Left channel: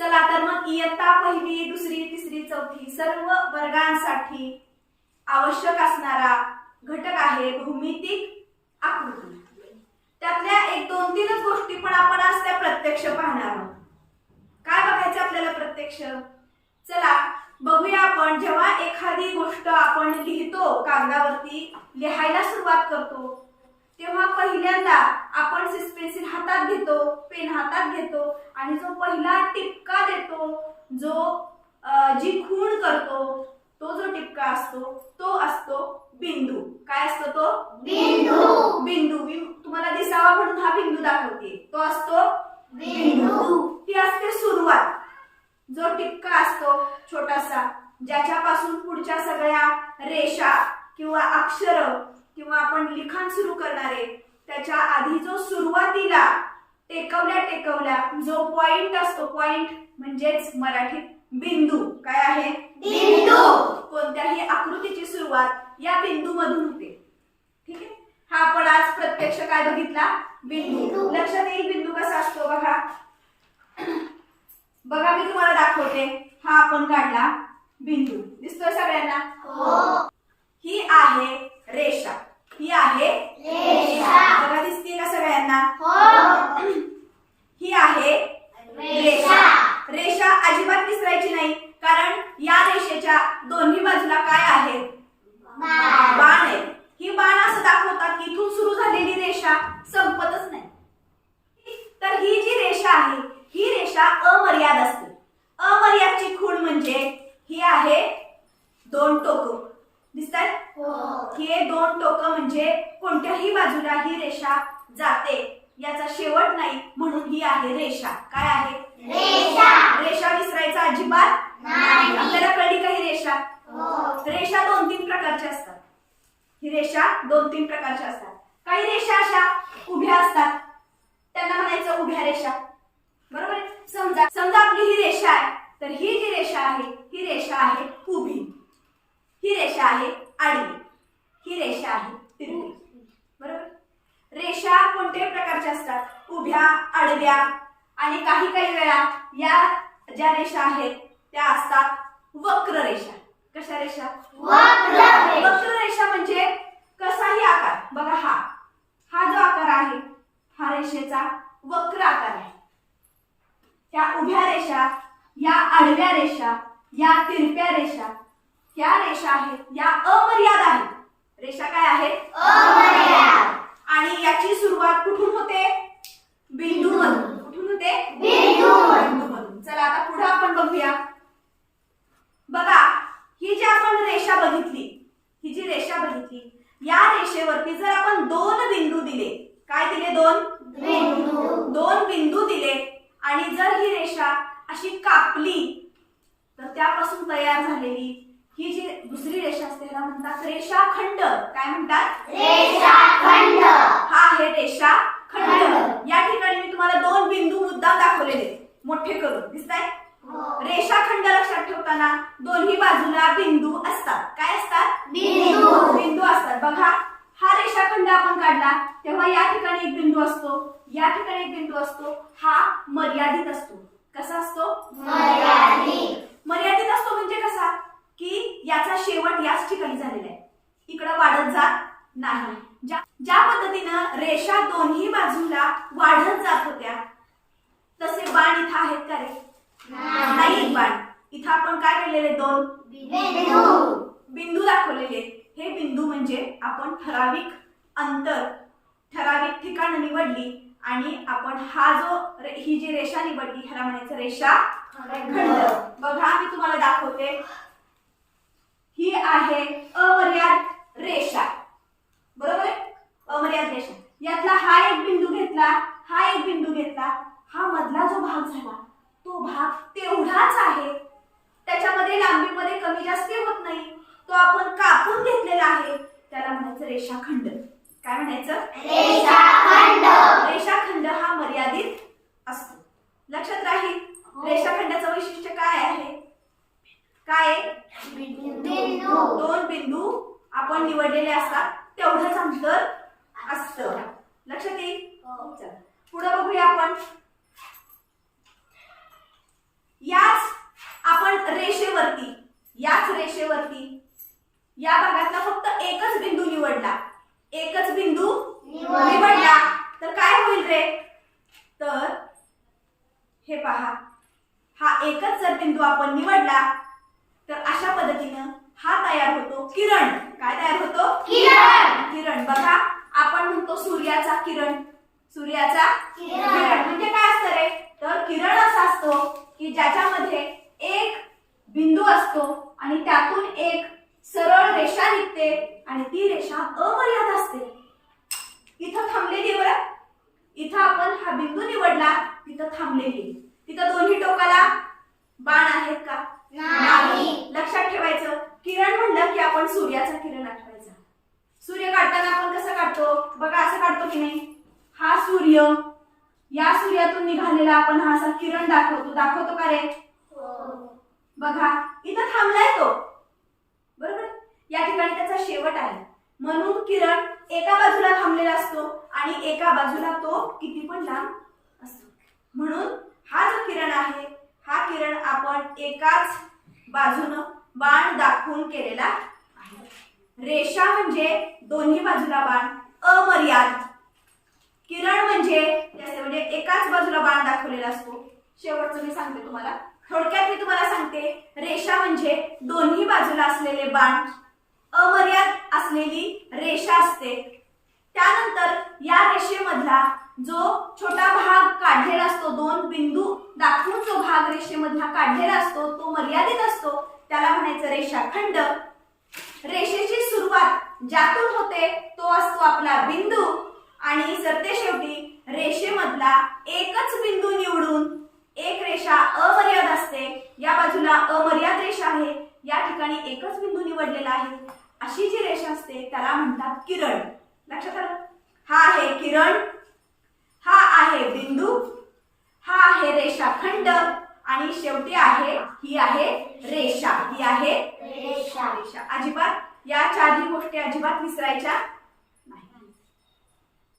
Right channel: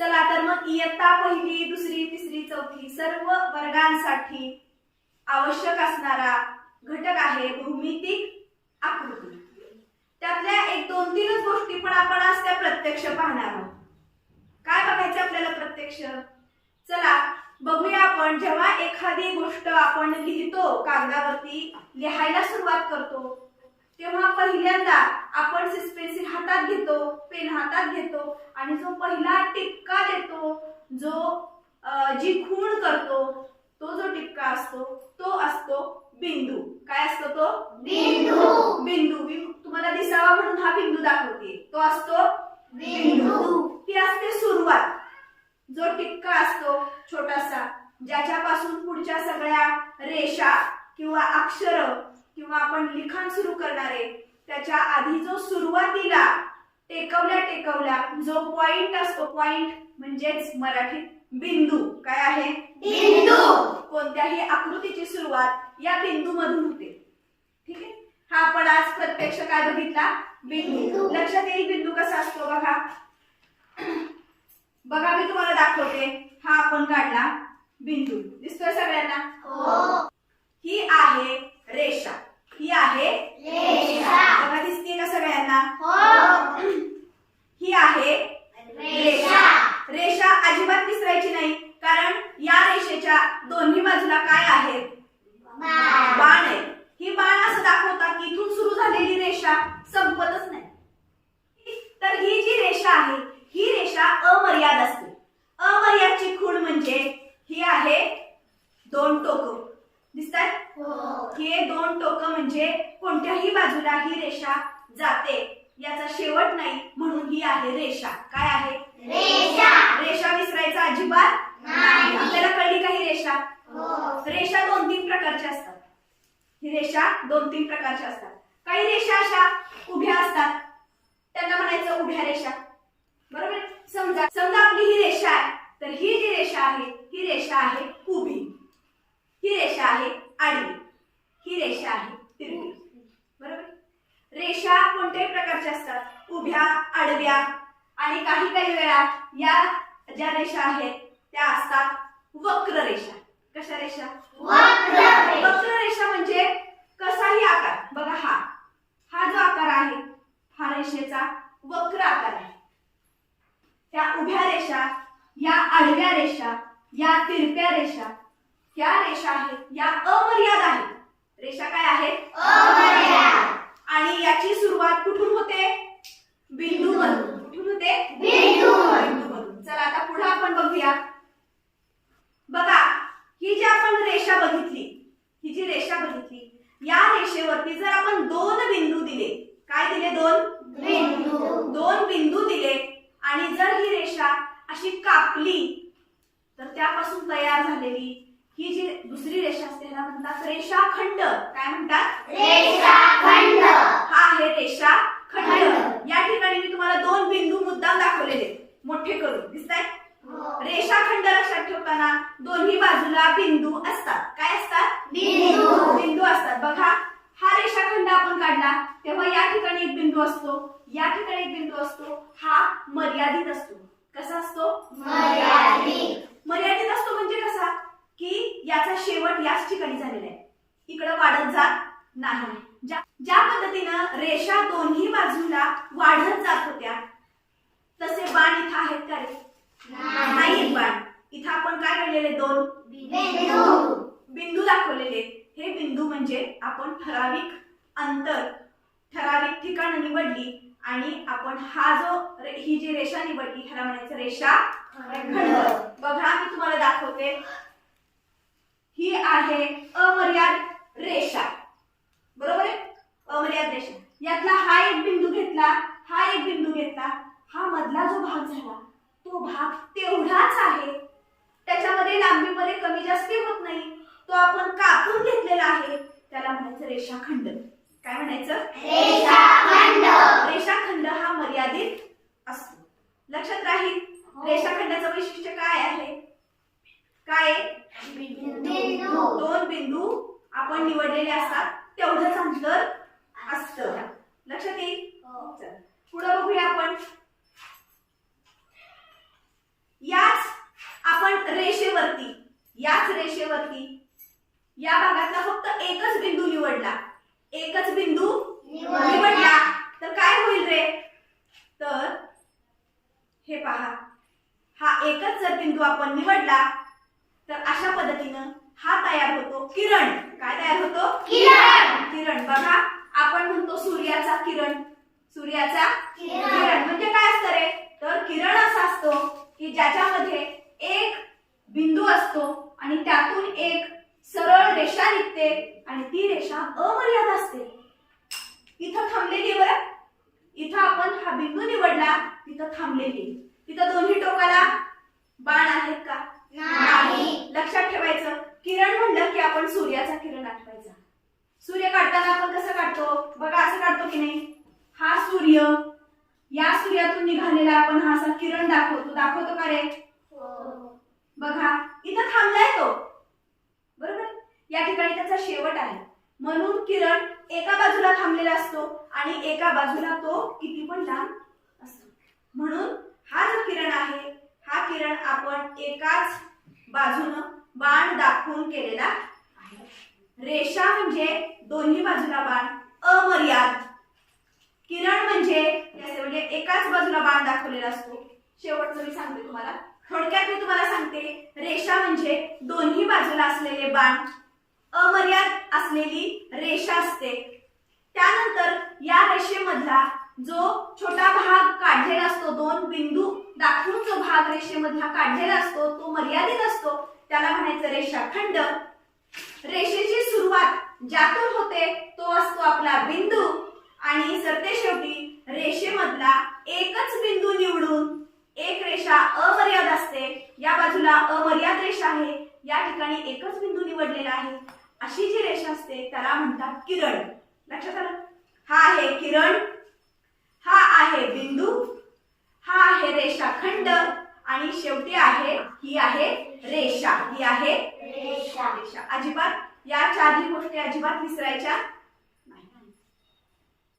चला तर मग इयत्ता पहिली दुसरी तिसरी चौथी सर्व वर्गांसाठी आवश्यक असणारा घटक आहे भौमितिक आकृती. त्यातल्या एक दोन तीनच गोष्टी पण आपण आज त्या प्रत्यक्ष पाहणार आहोत. काय बघायचं आपल्याला प्रत्यक्ष? चला बघूया आपण जेव्हा एखादी गोष्ट आपण लिहितो कागदावरती लिहायला सुरुवात करतो तेव्हा पहिल्यांदा आपण पेन्सिल हातात घेतो पेन हातात घेतो आणि जो पहिला टिपका देतो जो जी खूण करतो तो जो टिपका असतो तो असतो बिंदू. काय असतो तो? बिंदू. बिंदू. तुम्हाला दिसावा म्हणून हा बिंदू दाखवते तो असतो बिंदू. ती असते सुरुवात. जो टिपका असतो छोटासा ज्याच्यापासून पुढच्या सगळ्या रेषा किंवा अक्षर किंवा आपण लिखाण सुरू करणारे त्याच्या आधी जो सुरुवातीला टेकवल्या टेकवल्या जो पॉइंट असतो पॉइंट म्हणजेच मराठीत बिंदू. काय आहे? बिंदू. कोणत्याही आकृतीची सुरुवात या बिंदू मधून होते. ठीक आहे? हा आपण आज प्रत्यक्ष काय बघितला? बिंदू. बिंदू. लक्षात येईल बिंदू कसा असतो बघा. बघा मी तुम्हाला दाखवते. हा आपण काढला बिंदू. दिसतोय सगळ्यांना? हो. ही आहे रेषा ही आहे रेषा. बघा दिसते का सगळ्यांना हो ही आहे रेषा. रेषा अजिबात विसरायची नाही कारण या रेषेच्या दोन्ही बाजूला काय आहेत बाण. बाण आहे ही बाण असं दाखवतात की इथून सुरू झालेली रेषा संपतच नाही तर ही जी रेषा आहे ही रेषा अमर्याद असते अमर्यादची खूण म्हणजे ही आहे दोन टोक दिसतात हो दोन टोक म्हणजे कोणत्याही बाजूला ही रेषा जाते. याचा शेवट नाही म्हणून ही आहे रेषा. काय आहे? रेषा. रेषा विसरायचा अजिबात नाही. आपल्याला कळली का ही रेषा? हो. रेषा दोन तीन प्रकारच्या असतात. ही रेषा दोन तीन प्रकारच्या असतात. काही रेषा अशा उभ्या असतात. त्यांना म्हणायचं उभ्या रेषा. बरोबर आहे? समजा समजा आपली ही रेषा आहे. तर ही जी रेषा आहे ही रेषा आहे उभी. ही रेषा आहे आडवी ही रेषा आहे तिरकी बरोबर? रेषा कोणत्याही प्रकारच्या असतात? उभ्या आडव्या आणि काही काही वेळा या ज्या रेषा आहेत त्या असतात वक्र रेषा. कशा रेषा? वक्र रेषा. वक्र रेषा म्हणजे कसाही आकार. बघा हा. हा जो आकार आहे हा रेषेचा वक्र आकार आहे. या उभ्या रेषा या आडव्या रेषा या तिरप्या रेषा ह्या रेषा आहेत? या अमर्याद आहेत. रेषा काय आहेत? अमर्याद. आणि याची सुरुवात कुठून होते? बिंदू मधून कुठून होते? बिंदू. मधून चला आता पुढे आपण बघूया. बघा ही जी आपण रेषा बघितली ही जी रेषा बघितली या रेषेवरती जर आपण दोन बिंदू दिले काय दिले दोन? बिंदू. दोन बिंदू दिले. आणि जर ही रेषा अशी कापली तर त्यापासून तयार झालेली ही जी दुसरी रेषा असते ह्याला म्हणतात रेषाखंड. काय म्हणतात? रेषाखंड. हा आहे रेषा खंड. खंड. या ठिकाणी मी तुम्हाला दोन बिंदू मुद्दाम दाखवलेले मोठे करून. दिसताय? हो. रेषाखंड लक्षात ठेवताना दोन्ही बाजूला बिंदू असतात. काय असतात? बिंदू. बिंदू असतात. बघा हा रेषाखंड आपण काढला तेव्हा या ठिकाणी एक बिंदू असतो. या ठिकाणी एक बिंदू असतो. हा मर्यादित असतो. कसा असतो? मर्यादित. मर्यादित असतो म्हणजे कसा? की याचा शेवट याच ठिकाणी झालेला आहे. इकडं वाढत जात नाही. ज्या ज्या पद्धतीनं रेषा दोन्ही बाजूला वाढत जात होत्या तसे बाण इथं आहेत का रे? नाही. बाण. इथं आपण काय केलेले? दोन बिंदू. दाखवलेले हे बिंदू म्हणजे आपण ठराविक अंतर ठराविक ठिकाण निवडली आणि आपण हा जो ही जी रेषा निवडली ह्याला म्हणायचं रेषा बघा मी तुम्हाला दाखवते. ही आहे अमर्याद रेषा. बरोबर आहे? अमर्याद रेषा. यातला हा एक बिंदू घेतला हा एक बिंदू घेतला हा मधला जो भाग झाला तो भाग तेवढाच आहे. त्याच्यामध्ये लांबीमध्ये कमी जास्ती होत नाही. तो आपण कापून घेतलेला आहे. त्याला म्हणायचं रेषाखंड. काय म्हणायचं? रेषाखंड. रेषाखंड हा मर्यादित असतो. लक्षात राहील हो. रेषाखंडाचं वैशिष्ट्य काय आहे? काय. दोन बिंदू आपण निवडलेले असतात तेवढंच अंतर असतं. लक्षात येईल हो. चला, पुढं बघूया आपण. रेषेवरती याच रेषेवरती या भागातला फक्त एकच बिंदू निवडला. एकच बिंदू. निवडला. तर काय होईल रे? तर हे पहा. हा एकच जर बिंदू आपण निवडला तर अशा पद्धतीनं हा तयार होतो किरण. काय तयार होतो? किरण. किरण. बघा आपण म्हणतो सूर्याचा किरण. सूर्याचा किरण. म्हणजे काय असतं रे? तर किरण असा असतो की ज्याच्यामध्ये एक बिंदू असतो आणि त्यातून एक सरळ रेषा निघते आणि ती रेषा अमर्याद असते. इथं थांबलेली बरं. इथं आपण हा बिंदू निवडला तिथं थांबलेली. तिथं दोन्ही टोकाला बाण आहेत का? नाही. ठेवायचं किरण म्हणलं की आपण सूर्याचा किरण आठवायचा सूर्य काढताना आपण कसं काढतो? बघा असं काढतो की नाही? हा सूर्य या सूर्यातून निघालेला आपण हा असा किरण दाखवतो. दाखवतो का रे? बघा इथं थांबलाय तो. बरोबर? या ठिकाणी त्याचा शेवट आहे. म्हणून किरण एका बाजूला थांबलेला असतो आणि एका बाजूला तो किती पण लांब असतो. म्हणून हा जो किरण आहे हा किरण आपण एकाच बाजूनं बाण दाखवून केलेला आहे. रेषा म्हणजे दोन्ही बाजूला बाण अमर्याद. किरण म्हणजे म्हणजे एकाच बाजूला बाण दाखवलेला असतो. शेवटचं मी सांगते तुम्हाला. थोडक्यात मी तुम्हाला सांगते रेषा म्हणजे दोन्ही बाजूला असलेले बाण अमर्याद असलेली रेषा असते. त्यानंतर या रेषेमधला जो छोटा भाग काढलेला असतो दोन बिंदू दाखवून जो भाग रेषेमधला काढलेला असतो तो मर्यादित असतो. त्याला म्हणायचं रेषाखंड रेषेची सुरुवात ज्यातून होते तो असतो आपला बिंदू. आणि सरते शेवटी रेषेमधला एकच बिंदू निवडून एक रेषा अमर्याद असते. या बाजूला अमर्याद रेषा आहे. या ठिकाणी एकच बिंदू निवडलेला आहे. अशी जी रेषा असते त्याला म्हणतात किरण. लक्षात आलं? हा आहे किरण हा आहे बिंदू हा आहे रेषाखंड आणि शेवटी आहे ही आहे रेषा ही आहे. रेषा. रेषा. अजिबात या चारही गोष्टी अजिबात विसरायच्या.